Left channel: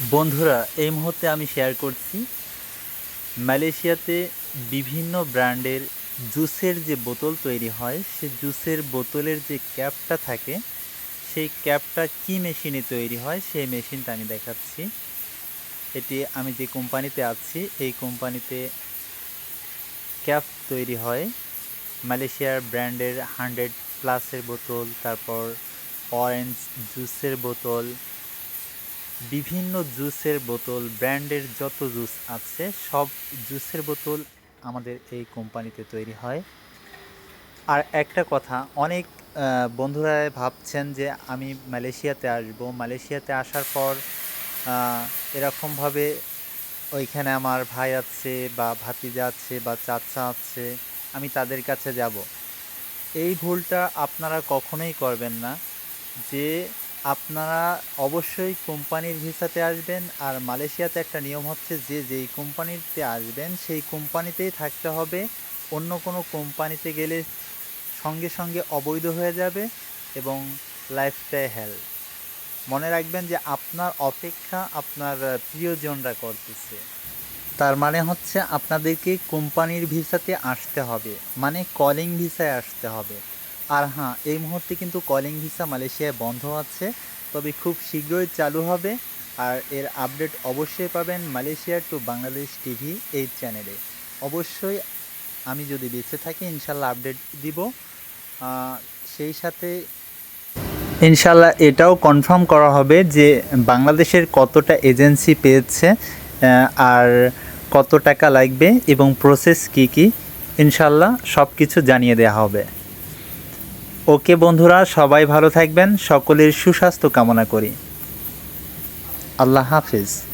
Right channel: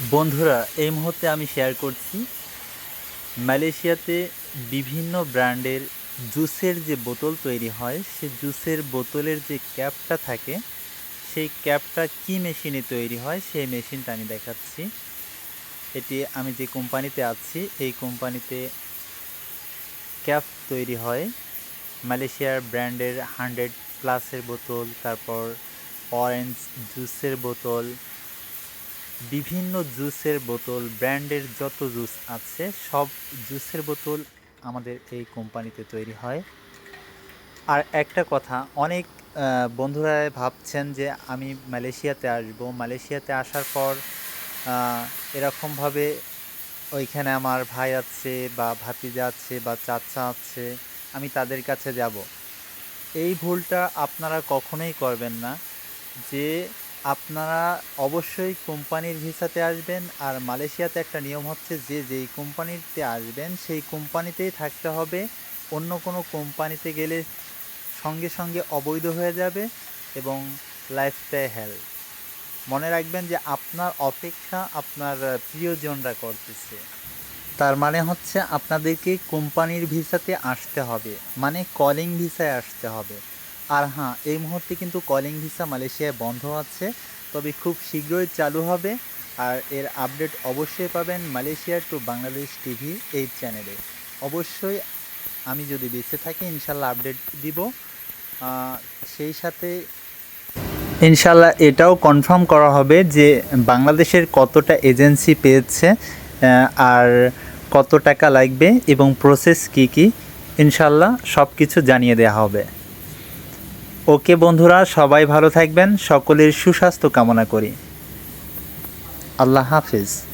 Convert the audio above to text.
বন্ধুরা, এই মুহূর্তে আমি শেয়ার করছি মালয়েশিয়াতে বিভিন্ন ব্র্যান্ডের জুসের যে বোতল তৈরি হয়, সে জুসের বোতলের যে ক্যাপটা থাকে, সেই ক্যাপটা কি মেশিনে তৈরি হয়, সেই মেশিনটা আমি দেখাচ্ছি। এটি আমি যে কোম্পানিতে আছি, এই কোম্পানিতে ক্যাপ তৈরি হয় মালয়েশিয়ার ব্র্যান্ডের হান্ড্রেড প্লাসের বোতল, তারপর অরেঞ্জ জুসের বোতল বিভিন্ন জুসের বোতল, ব্র্যান্ডের যত জুস আছে, সব জুসের বোতল আমাদের এই কোম্পানিতে তৈরি হয়। আর একটা কথা, অনেক বন্ধুরা ভাবছেন যে আমি মালয়েশিয়াতে আসব। মালয়েশিয়াতে আসার পর এরকমভাবে ওইখানে আমার ভাই আছে বা ভাতিজা আছে বা চাচা আছে, আমি তাদের কাছে যাব। এই ভুলটা আপনারা কখনোই করবেন না যে আপনারা অবশ্যই কোম্পানির ভিসাতে আসবেন আর মালয়েশিয়াতে একটা নিয়ম হচ্ছে যে যেই কোম্পানিতে আসবেন সেই কোম্পানিতেই থাকতে হবে। অন্য কোনো কোম্পানিতে গেলে সঙ্গে সঙ্গে অবৈধ হয়ে যাবে এবং লাইফটাই হেল মনে রাখবেন যে আপনার অপেক্ষা আপনার প্রিয়জনরা করতেছে। তার মানে হচ্ছে আপনাদেরকে কোম্পানির ভিসাতে আসতে হবে মানে কলিং ভিসায় আসতে হবে। আর হ্যাঁ এই মুহূর্তে কিন্তু কলিং ভিসা মালয়েশিয়ায় বন্ধ আছে, তবে খুব শীঘ্রই চালু হবে। আর এর আপডেট অবশ্যই পাবেন মালয়েশিয়ার টু বাংলাদেশ টিভি এই চ্যানেলে অবশ্যই আমি যদি বেঁচে থাকি, ইনশাল্লাহ আপডেট দিব। সেই সাথে ইনশাল্লাহ এটাও কনফার্ম করা হবে যে বাংলাদেশের কতটা এজেন্সি পেয়েছে আর কত টাকা লাগবে এবং প্রসেস কি কি, ইনশাল্লাহ সব কিছু জানিয়ে দেওয়া হবে। ওকে বন্ধুরা সবাই ভালো থাকবেন সকলের সুস্বাস্থ্য কামনা করি। আল্লাহ হাফিজ।